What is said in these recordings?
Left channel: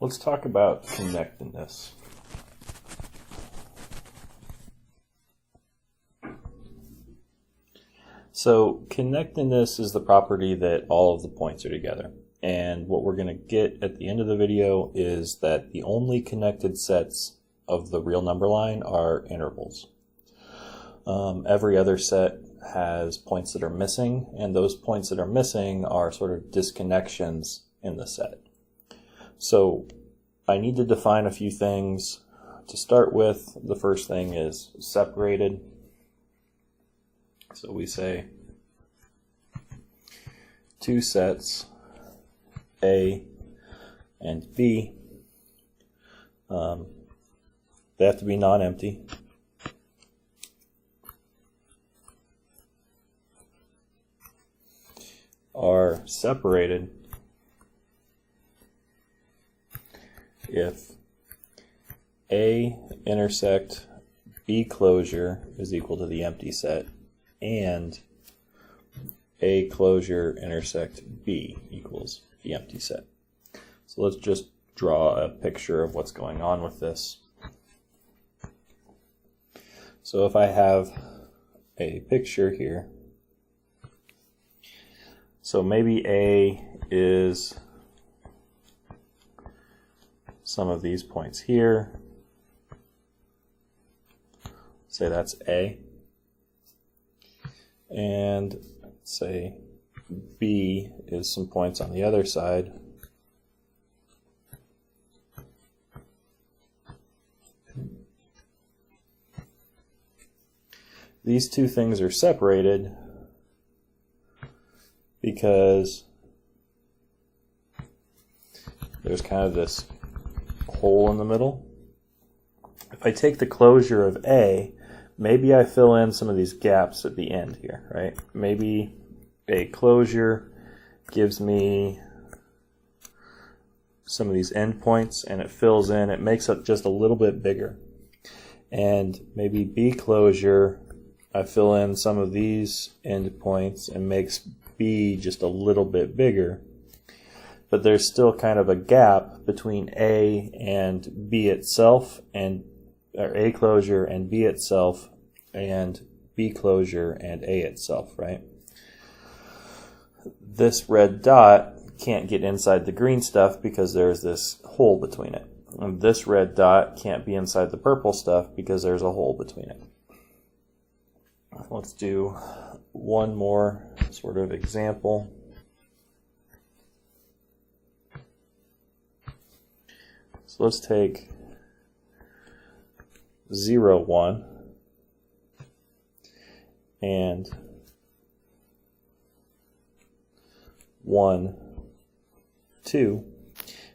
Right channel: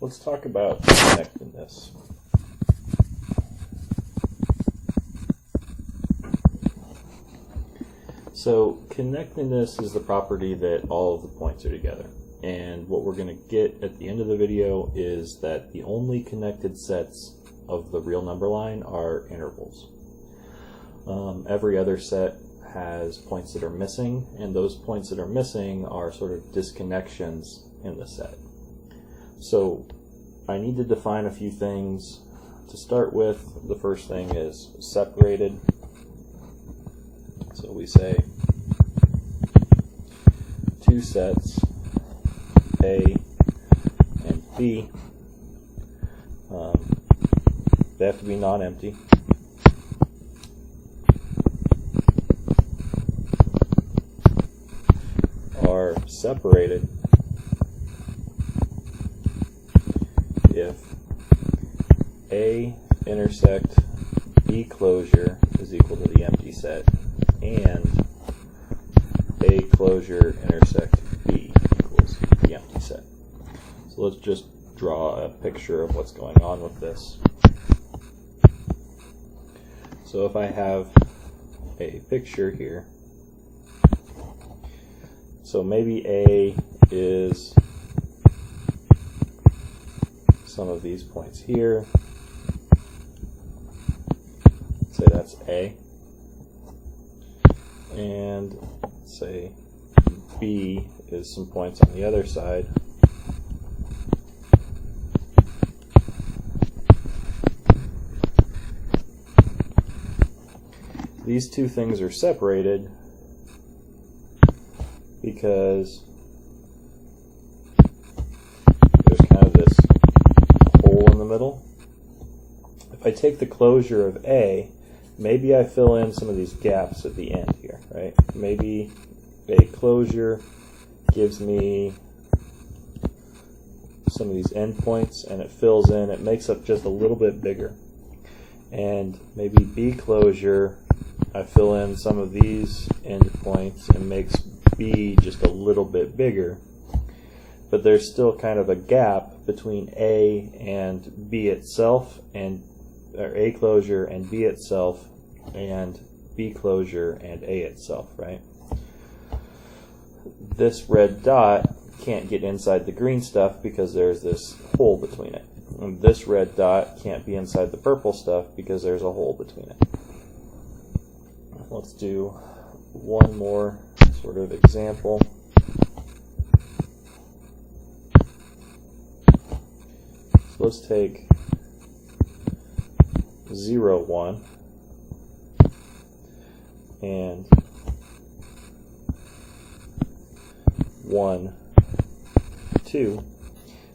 Let's talk about connectedness. So connectedness is the property that all of the points are together. And what we're going to get at the end of the video is that the only connected sets of the real number line are intervals. Every other set has points that are missing, and those points that are missing are sort of disconnections in the set. So I need to define a few things. To start with, the first thing is separated. So we say two sets, A and B, they have to be non-empty. Are separated if A intersect B closure is equal to the empty set and A closure intersect B equals the empty set. So let's just draw a picture of what's going on with this. So if I have a picture here, so maybe A is some of these points here. Say that's A. And say B is some points on the other side. These two things are separated because there's kind of this hole in the middle. If I take the closure of A, maybe I fill in some of these gaps at the end here, right? Maybe a closure gives me some of these endpoints and it fills in, it makes it just a little bit bigger. And maybe B closure, I fill in some of these endpoints and makes B just a little bit bigger. But there's still kind of a gap between A and B itself, and or A closure and B itself, and B closure and A itself, right? This red dot can't get inside the green stuff because there's this hole between it. And this red dot can't be inside the purple stuff because there's a hole between it. Let's do one more sort of example. So let's take 0, 1 and 1, 2.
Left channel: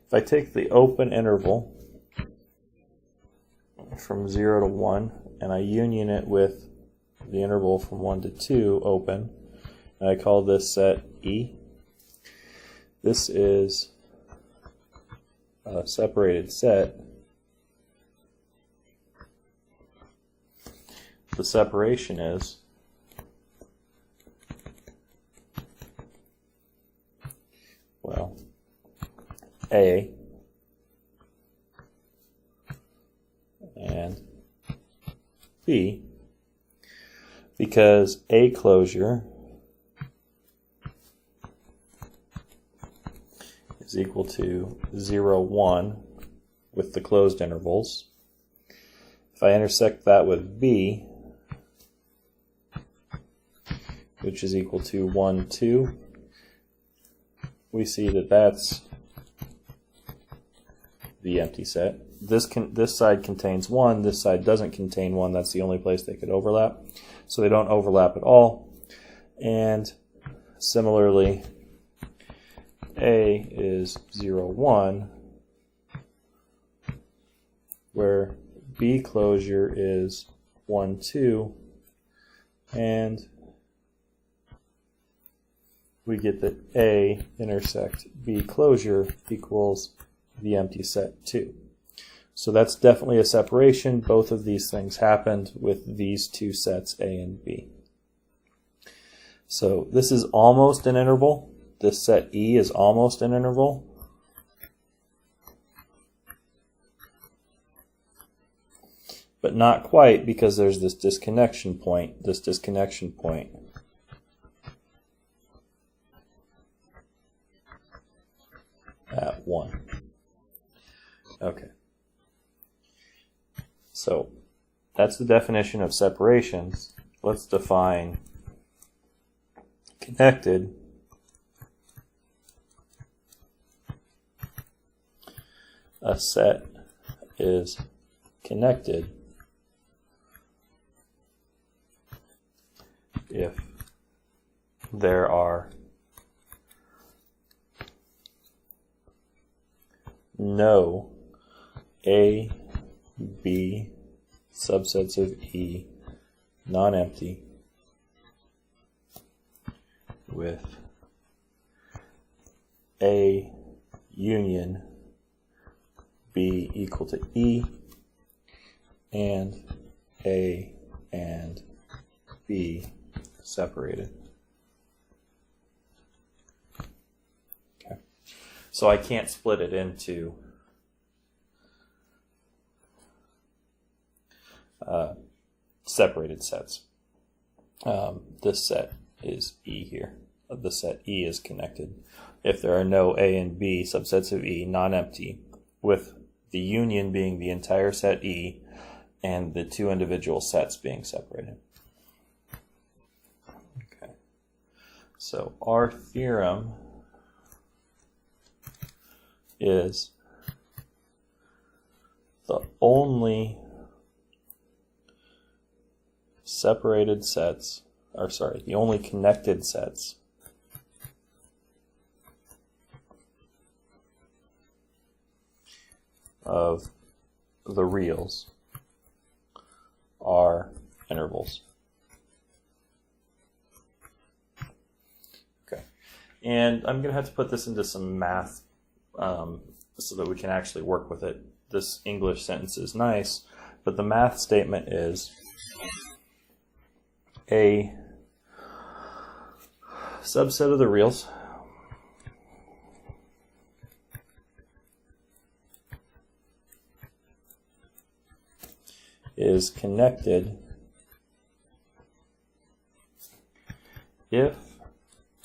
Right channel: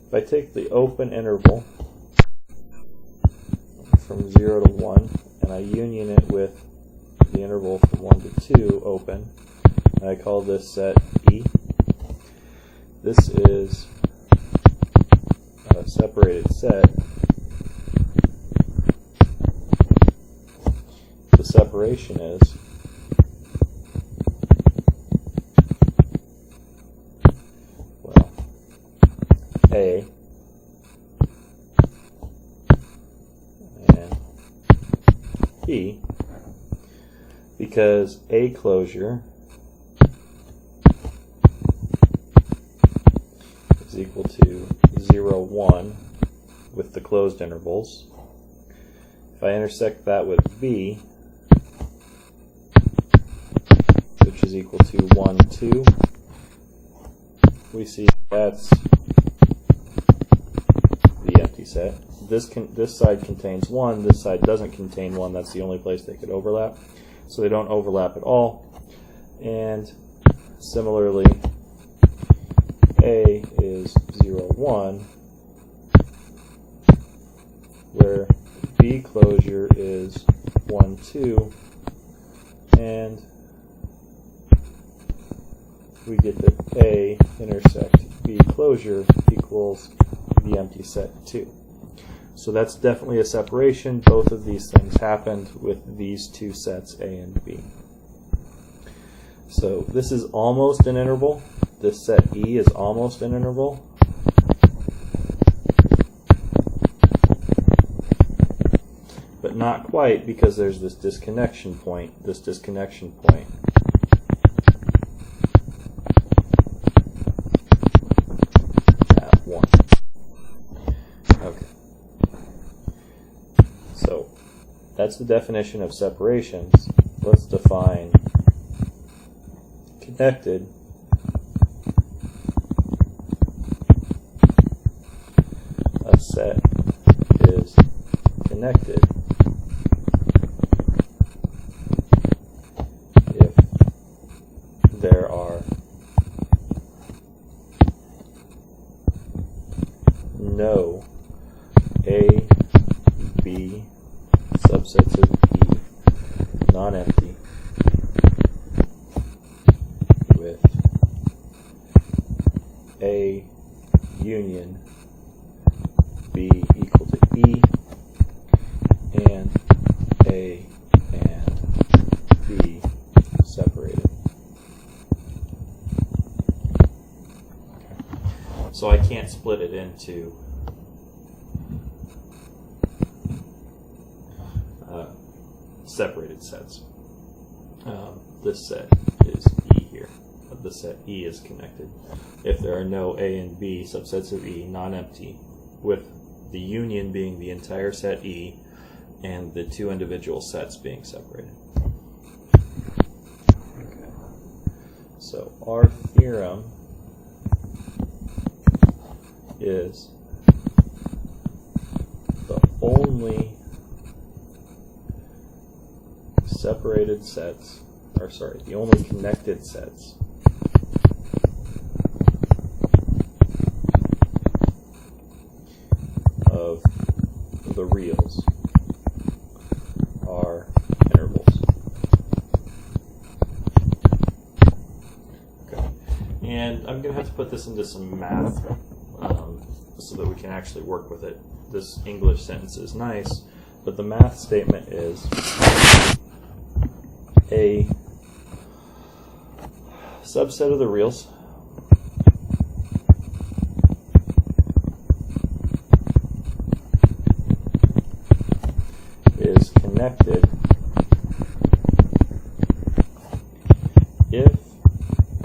If I take the open interval from 0 to 1 and I union it with the interval from 1 to 2 open, and I call this set E, this is a separated set. The separation is A and B, because A closure is equal to 0, 1 with the closed intervals. If I intersect that with B, which is equal to 1, 2, we see that that's the empty set. This side contains 1, this side doesn't contain 1, that's the only place they could overlap. So they don't overlap at all. And similarly, A is 0, 1, where B closure is 1, 2, and we get that A intersect B closure equals the empty set 2. So that's definitely a separation. Both of these things happened with these two sets A and B. So this is almost an interval. This set E is almost an interval. but not quite, because there's this disconnection point. At 1. Okay. So that's the definition of separations. Let's define connected. A set is connected if there are no A, B, subsets of E, non-empty, with A union B equal to E, and A and B separated. Okay. So I can't split it into separated sets. This set is E here. The set E is connected if there are no A and B subsets of E non-empty, with the union being the entire set E and the two individual sets being separated. Okay. So our theorem is the only separated sets, or sorry, the only connected sets of the reals are intervals. Okay. And I'm going to have to put this into some math so that we can actually work with it. This English sentence is nice, but the math statement is a subset of the reals is connected if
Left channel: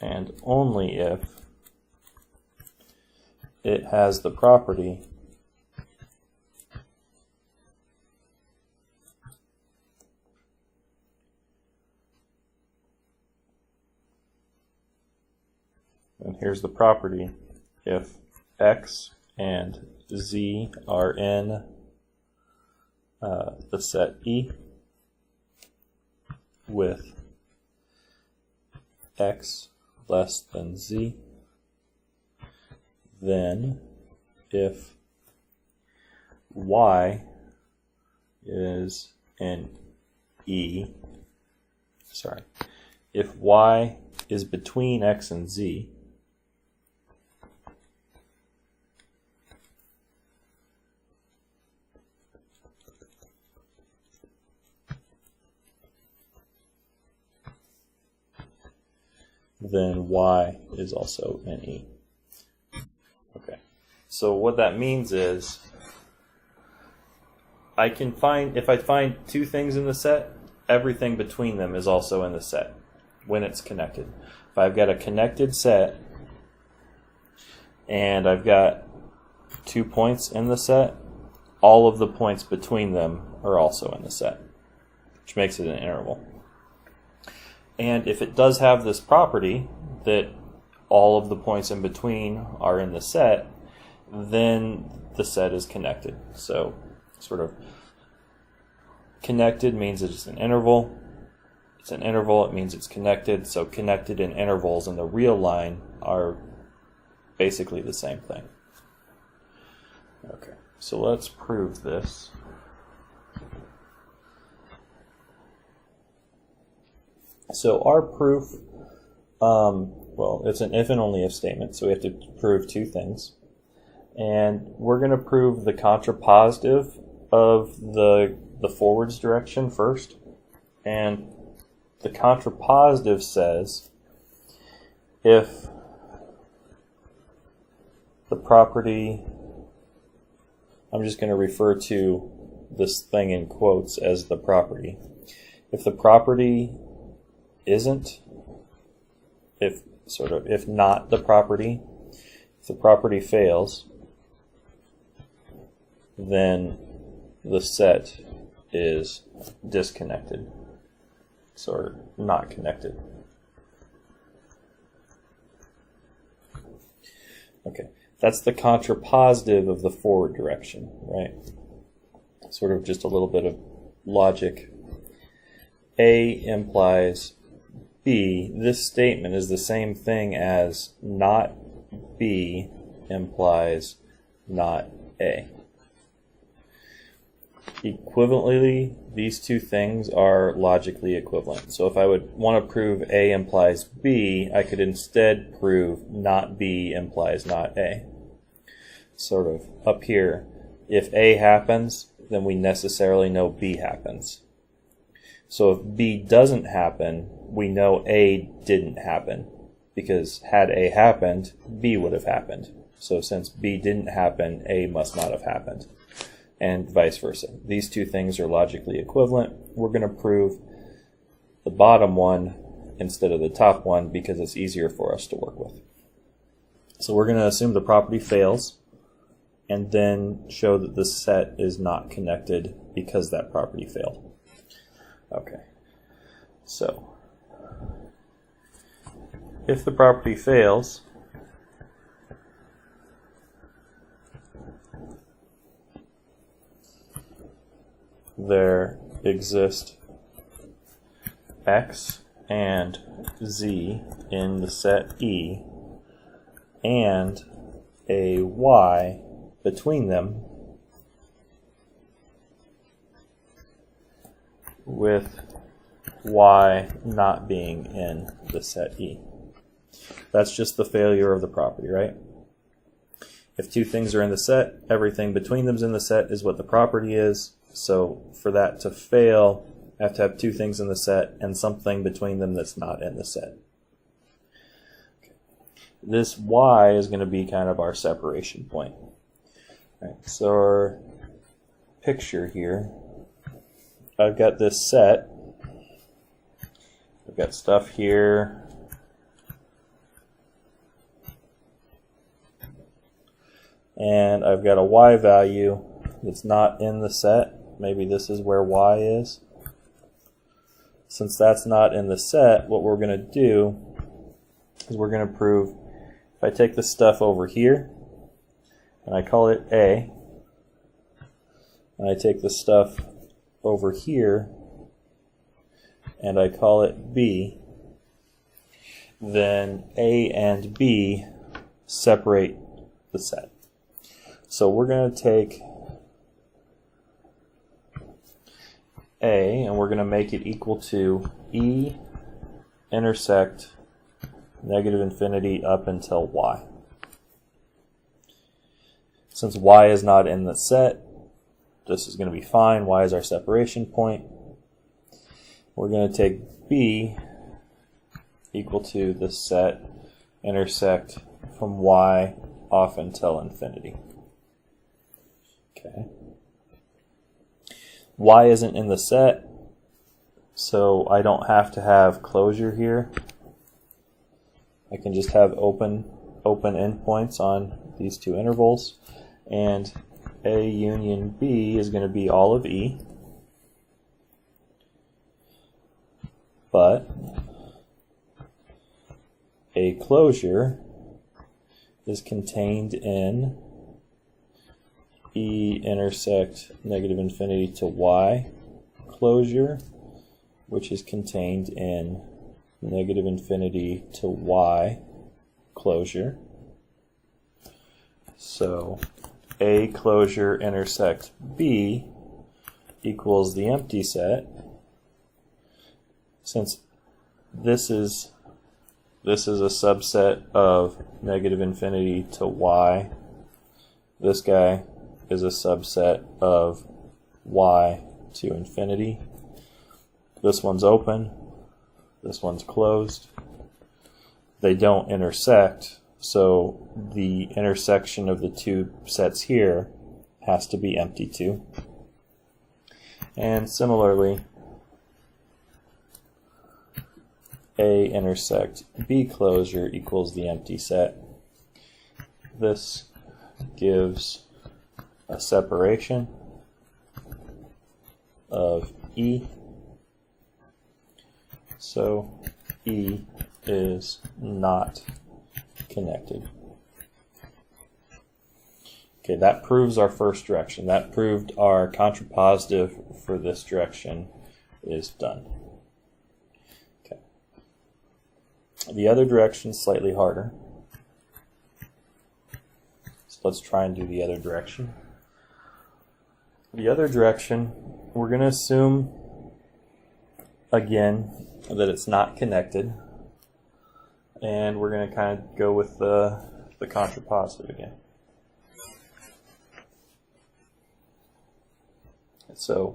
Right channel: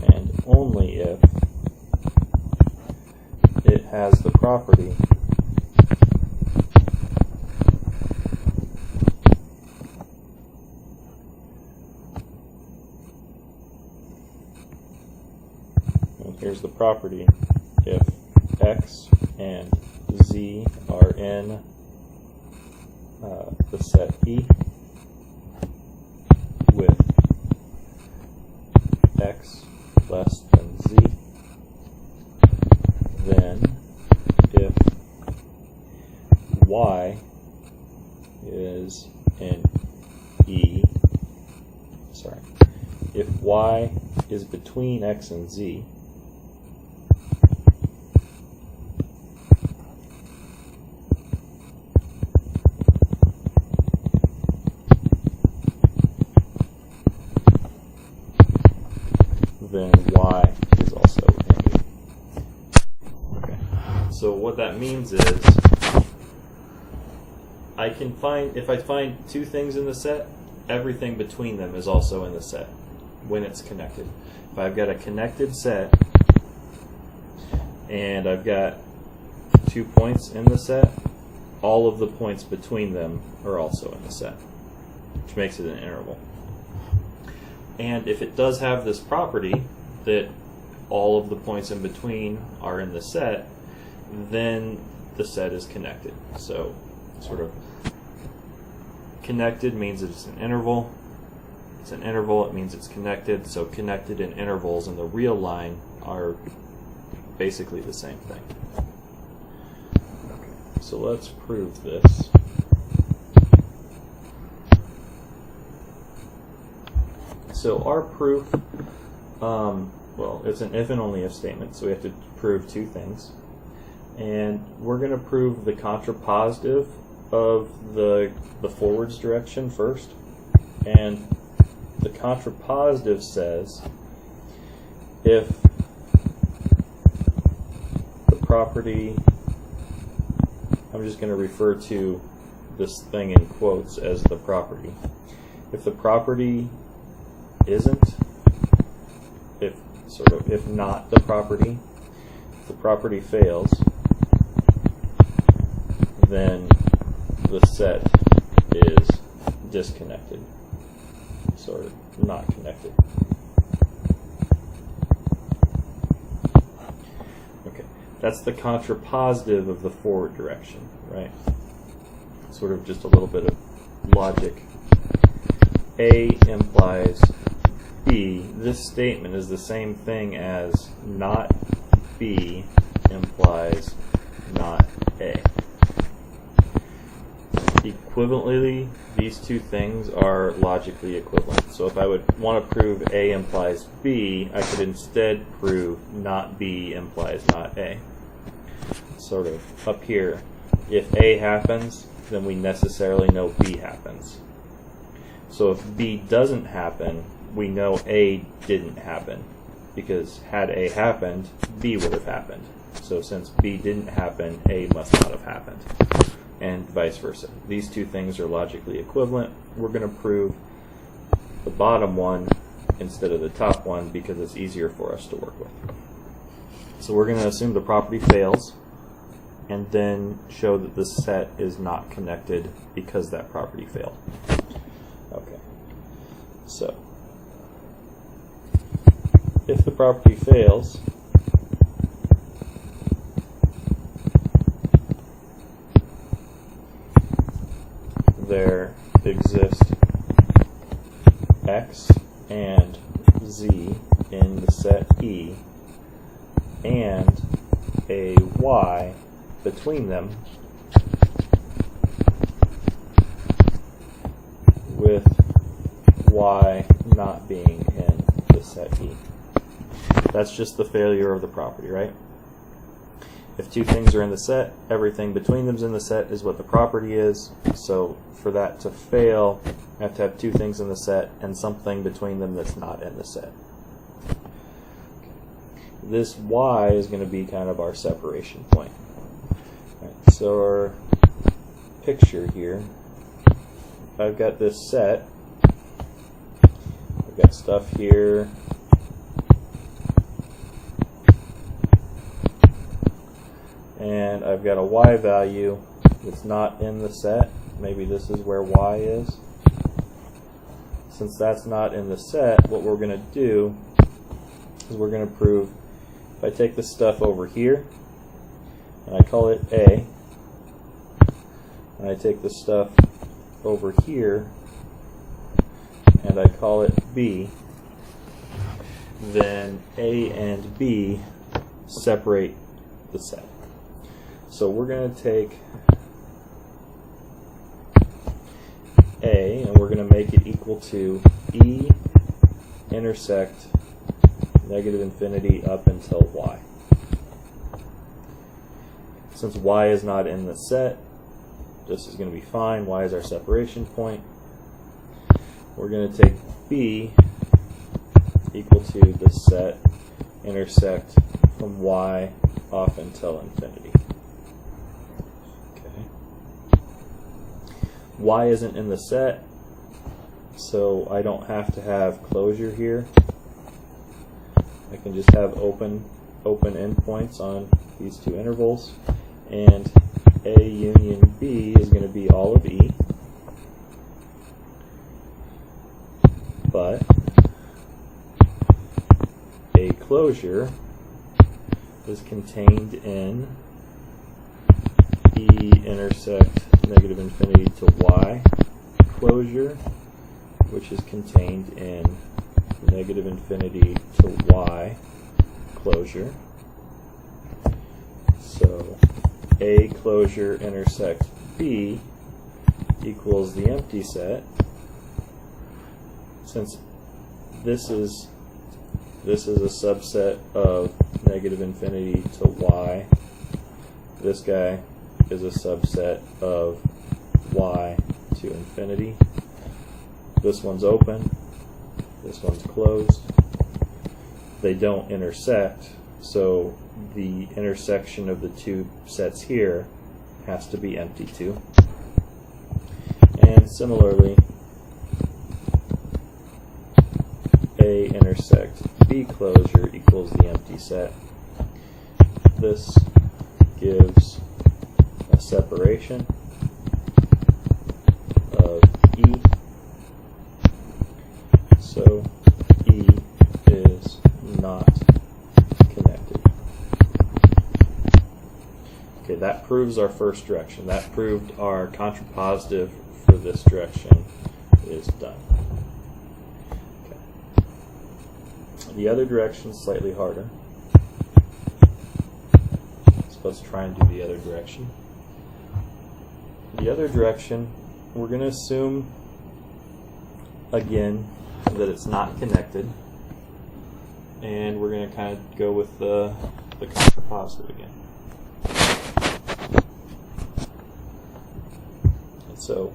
and only if it has the property here's the property if X and Z are in the set E with X less than Z, then if Y is in E, if Y is between X and Z, then Y is also in E. Okay. So what that means is I can find, if I find two things in the set, everything between them is also in the set when it's connected. If I've got a connected set and I've got 2 points in the set, all of the points between them are also in the set, which makes it an interval. And if it does have this property that all of the points in between are in the set, then the set is connected. So sort of connected means it's an interval. It's an interval, it means it's connected. So connected and intervals in the real line are basically the same thing. Okay, so let's prove this. So our proof, well, it's an if and only if statement, so we have to prove two things. And we're going to prove the contrapositive of the forwards direction first. And the contrapositive says if the property, I'm just going to refer to this thing in quotes as the property. If the property isn't, if not the property, if the property fails, then the set is disconnected, sort of not connected. Okay, that's the contrapositive of the forward direction, right? Sort of just a little bit of logic. A implies B. This statement is the same thing as not B implies not A. Equivalently, these two things are logically equivalent. So if I would want to prove A implies B, I could instead prove not B implies not A. Sort of up here, if A happens, then we necessarily know B happens. So if B doesn't happen, we know A didn't happen, because had A happened, B would have happened. So since B didn't happen, A must not have happened, and vice versa. These two things are logically equivalent. We're going to prove the bottom one instead of the top one because it's easier for us to work with. So we're going to assume the property fails and then show that the set is not connected because that property failed. Okay, so if the property fails, there exist X and Z in the set E and a Y between them with Y not being in the set E. That's just the failure of the property, right? If two things are in the set, everything between them is in the set is what the property is. So for that to fail, I have to have two things in the set and something between them that's not in the set. This Y is going to be kind of our separation point. Right, so our picture here, I've got this set. I've got stuff here. And I've got a Y value that's not in the set. Maybe this is where Y is. Since that's not in the set, what we're going to do is we're going to prove if I take this stuff over here and I call it A, and I take this stuff over here and I call it B, then A and B separate the set. So we're going to take A and we're going to make it equal to E intersect negative infinity up until Y. Since Y is not in the set, this is going to be fine. Y is our separation point. We're going to take B equal to the set intersect from Y off until infinity. Okay. Y isn't in the set, so I don't have to have closure here. I can just have open endpoints on these two intervals, and A union B is going to be all of E, but a closure is contained in E intersect negative infinity to Y closure, which is contained in negative infinity to Y closure. So A closure intersect B equals the empty set. Since this is a subset of negative infinity to Y, this guy is a subset of Y to infinity. This one's open, this one's closed. They don't intersect, so the intersection of the two sets here has to be empty too. And similarly, A intersect B closure equals the empty set. This gives a separation of E. So E is not connected. Okay, that proves our first direction. That proved our contrapositive for this direction is done. Okay. The other direction is slightly harder. So let's try and do the other direction. The other direction, we're going to assume again that it's not connected, and we're going to kind of go with the contrapositive again. So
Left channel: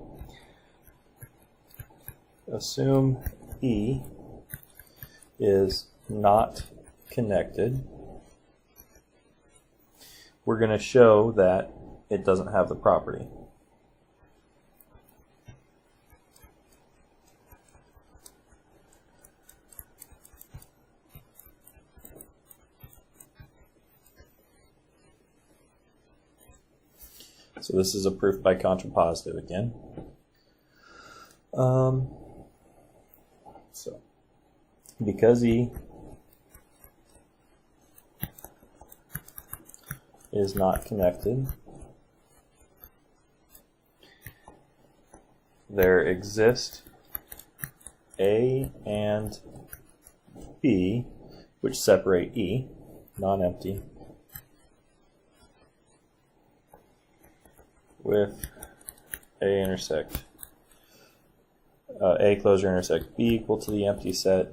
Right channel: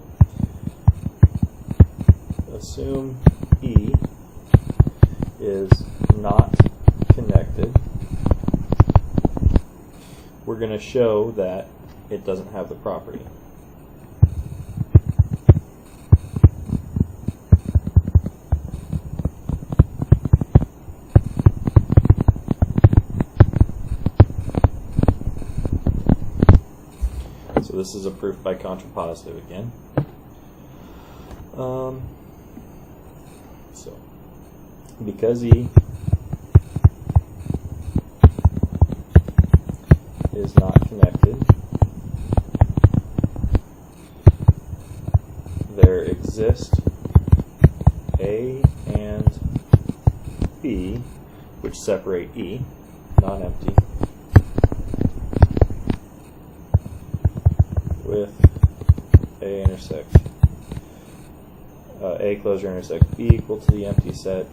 assume E is not connected. We're going to show that it doesn't have the property. So this is a proof by contrapositive again. So because E is not connected, there exist A and B, which separate E, non-empty, with A intersect A closure intersect B equal to the empty set,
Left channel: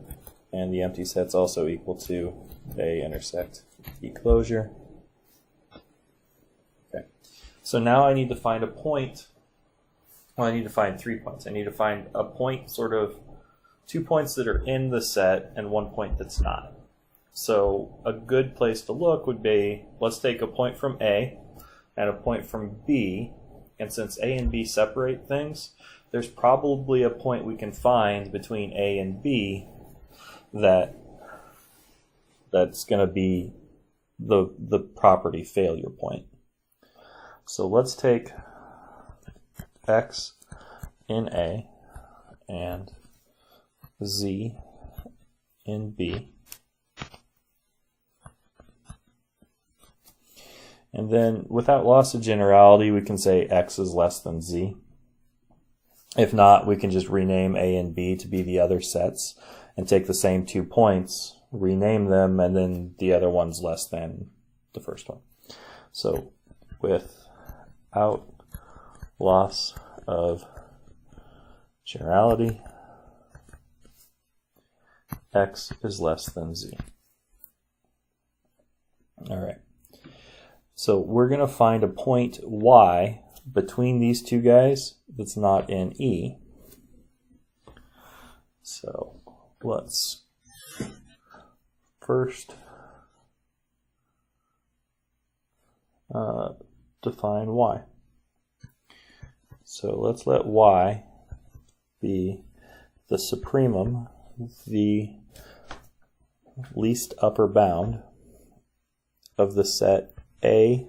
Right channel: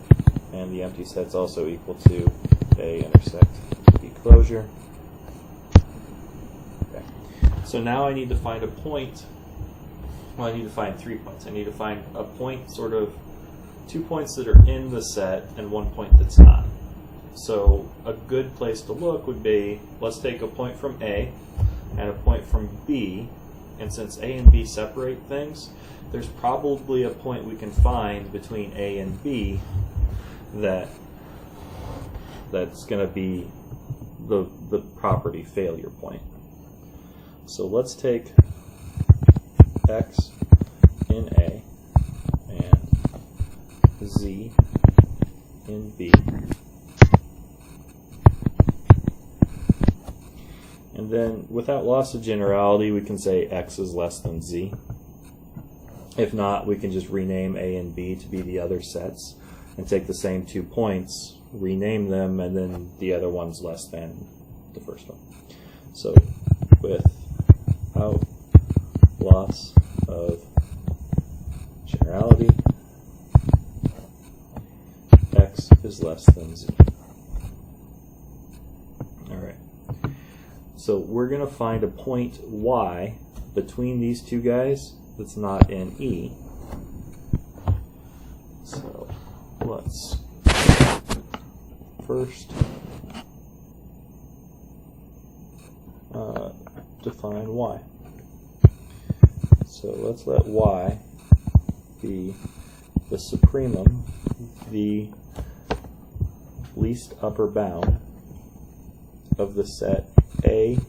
and the empty set's also equal to A intersect B closure. Okay. So now I need to find a point. Well, I need to find 3 points. I need to find a point, sort of 2 points that are in the set and 1 point that's not. So a good place to look would be, let's take a point from A and a point from B, and since A and B separate things, there's probably a point we can find between A and B that's going to be the property failure point. So let's take X in A and Z in B, and then without loss of generality we can say X is less than Z. If not, we can just rename A and B to be the other sets and take the same 2 points, rename them, and then the other one's less than the first one. So without loss of generality, X is less than Z. Alright, so we're going to find a point Y between these two guys that's not in E. So let's first define Y. So let's let Y be the supremum, the least upper bound of the set A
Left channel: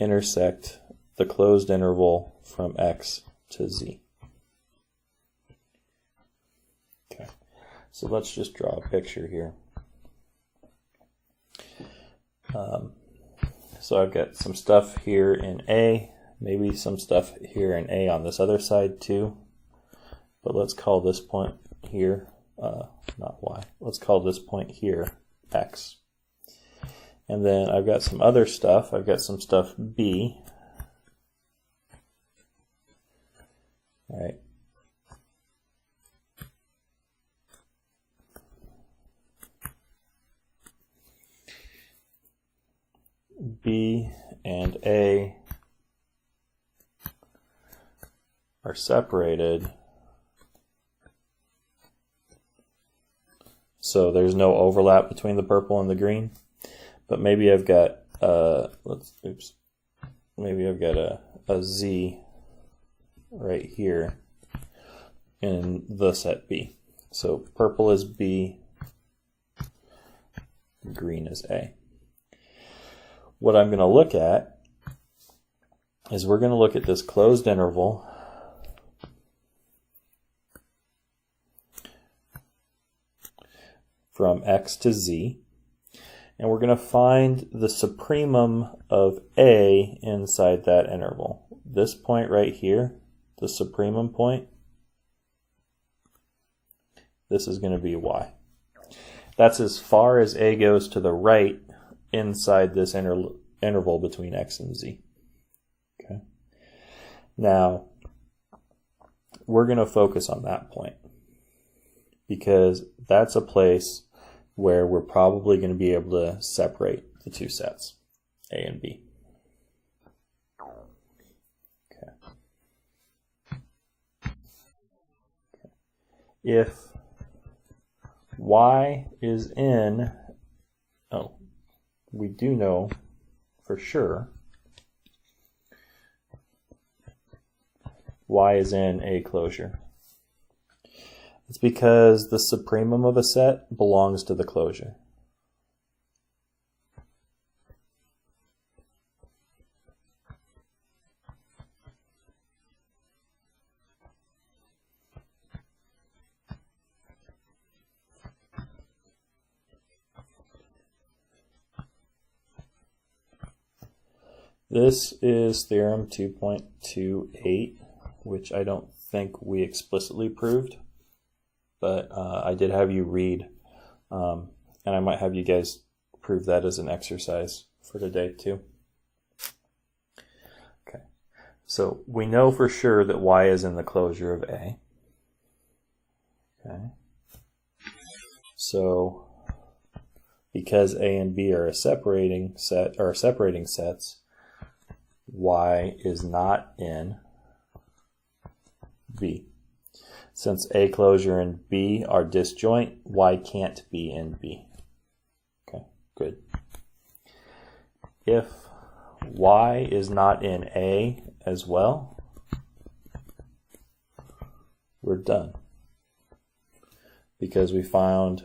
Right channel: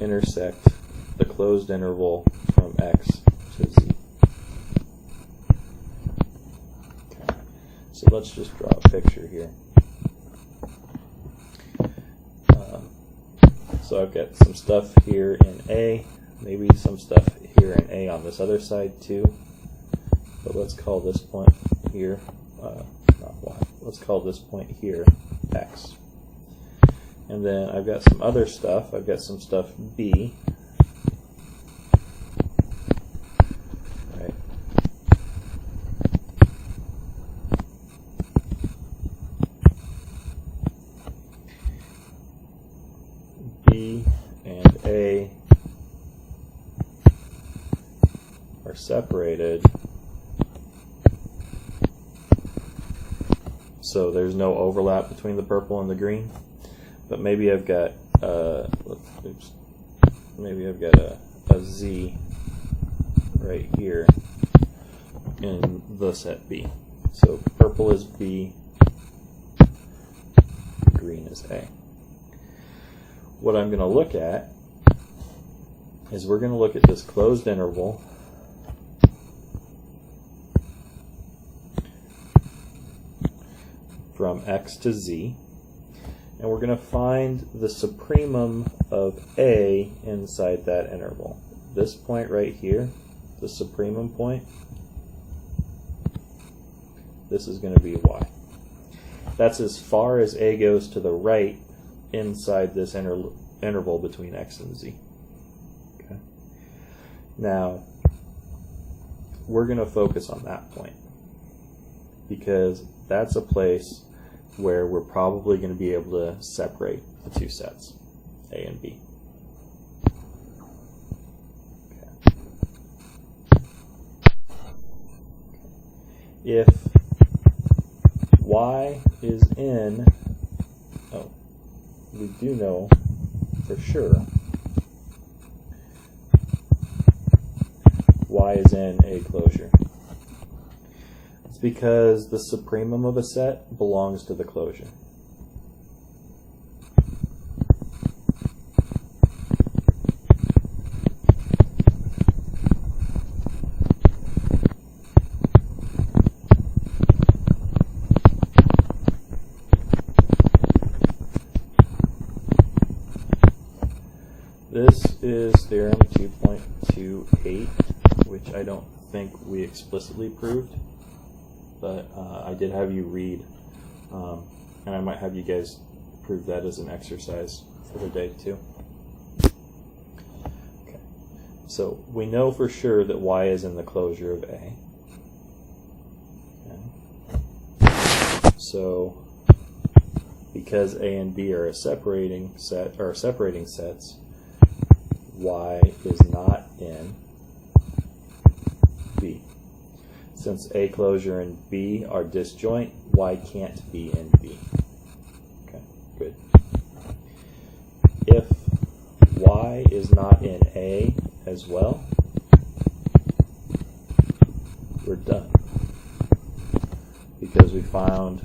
intersect the closed interval from X to Z. Okay, so let's just draw a picture here. So I've got some stuff here in A, maybe some stuff here in A on this other side too, but let's call this point here, not Y, let's call this point here X. And then I've got some other stuff, I've got some stuff B, right? B and A are separated, so there's no overlap between the purple and the green. But maybe I've got maybe I've got a Z right here in the set B. So purple is B, green is A. What I'm going to look at is we're going to look at this closed interval from X to Z, and we're going to find the supremum of A inside that interval. This point right here, the supremum point, this is going to be Y. That's as far as A goes to the right inside this interval between X and Z. Okay. Now, we're going to focus on that point because that's a place where we're probably going to be able to separate the two sets, A and B. Okay. If Y is in, we do know for sure Y is in a closure. It's because the supremum of a set belongs to the closure. This is theorem 2.28, which I don't think we explicitly proved, but I did have you read, and I might have you guys prove that as an exercise for the day too. Okay, so we know for sure that Y is in the closure of A. Okay. So because A and B are a separating set, or separating sets, Y is not in B. Since A closure and B are disjoint, Y can't be in B. Okay, good. If Y is not in A as well, we're done. Because we found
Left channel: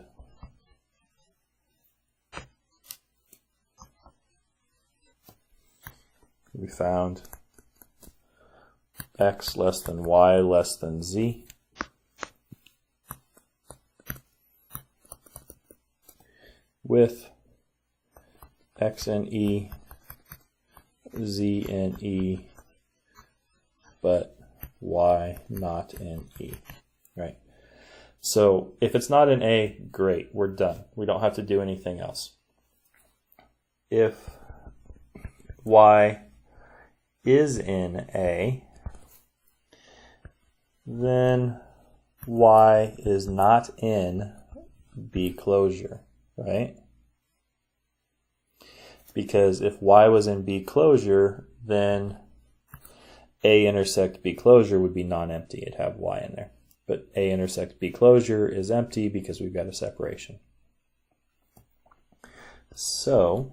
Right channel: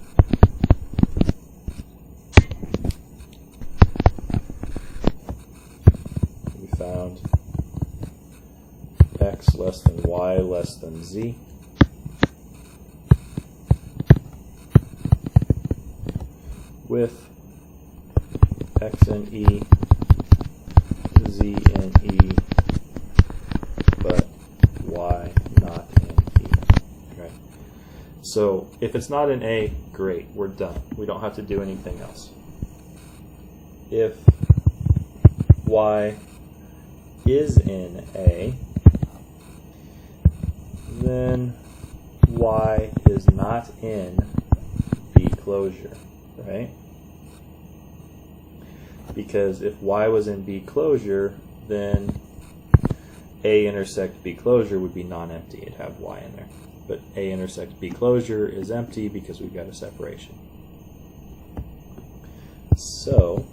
X less than Y less than Z. With X in E, Z in E, but Y not in E. Right. So if it's not in A, great, we're done. We don't have to do anything else. If Y is in A, then Y is not in B closure, right? Because if Y was in B closure, then A intersect B closure would be non-empty. It'd have Y in there. But A intersect B closure is empty because we've got a separation. So,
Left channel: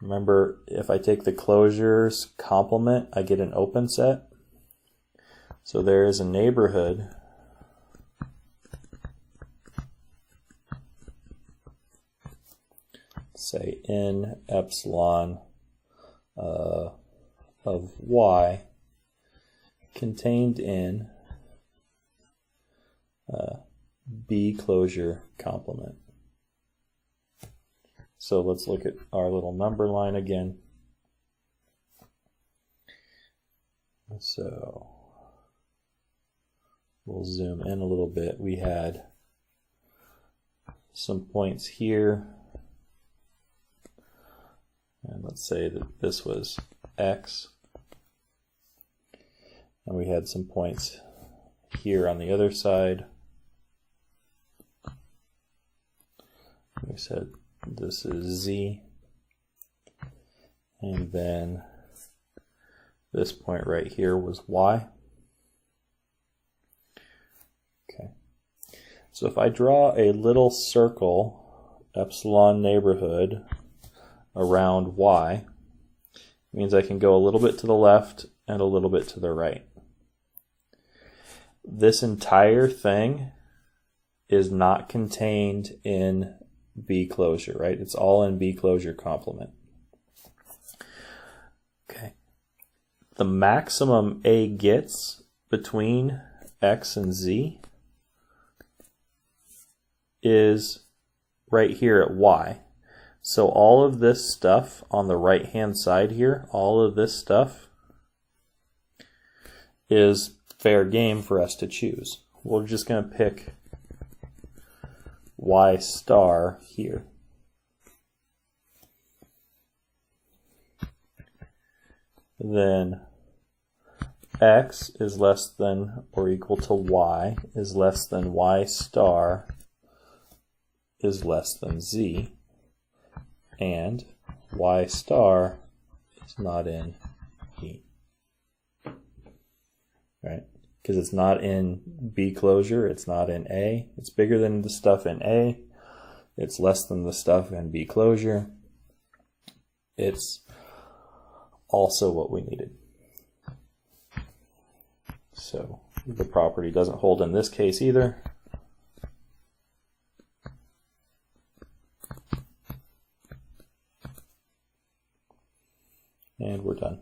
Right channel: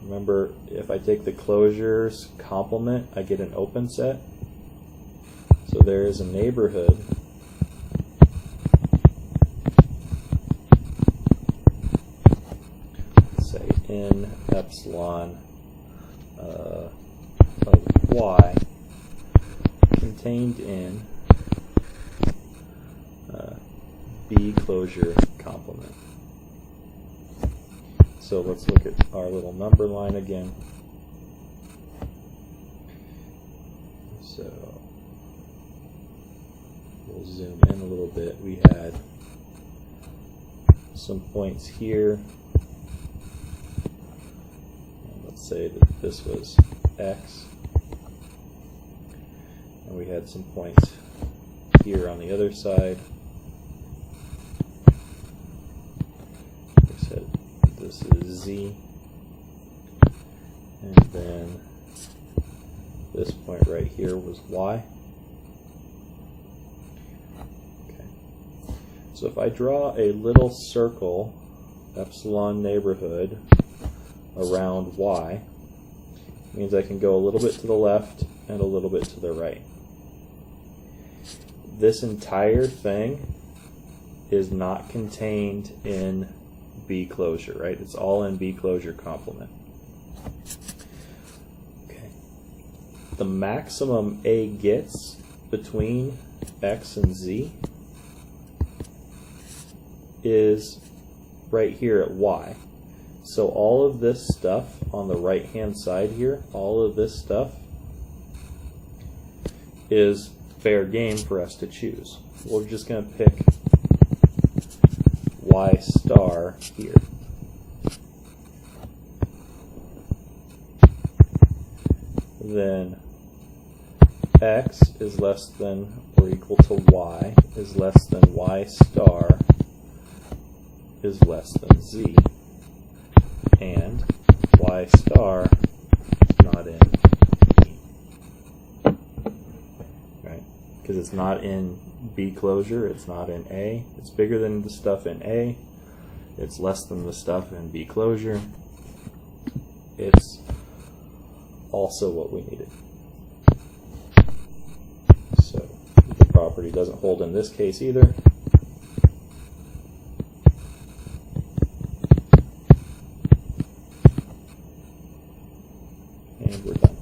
remember, if I take the closures complement, I get an open set. So there is a neighborhood say in epsilon of Y contained in B closure complement. So let's look at our little number line again. So we'll zoom in a little bit. We had some points here. And let's say that this was X. And we had some points here on the other side. We said this is Z. And then this point right here was Y. Okay. So if I draw a little circle, epsilon neighborhood, around Y, means I can go a little bit to the left and a little bit to the right. This entire thing is not contained in B closure, right? It's all in B closure complement. Okay. The maximum A gets between X and Z is right here at Y. So all of this stuff on the right hand side here, all of this stuff is fair game for us to choose. We're just going to pick Y star here. Then X is less than or equal to Y is less than Y star is less than Z, and Y star is not in B, right? Because it's not in B closure, it's not in A. It's bigger than the stuff in A, it's less than the stuff in B closure. It's also what we needed. So the property doesn't hold in this case either. And we're done.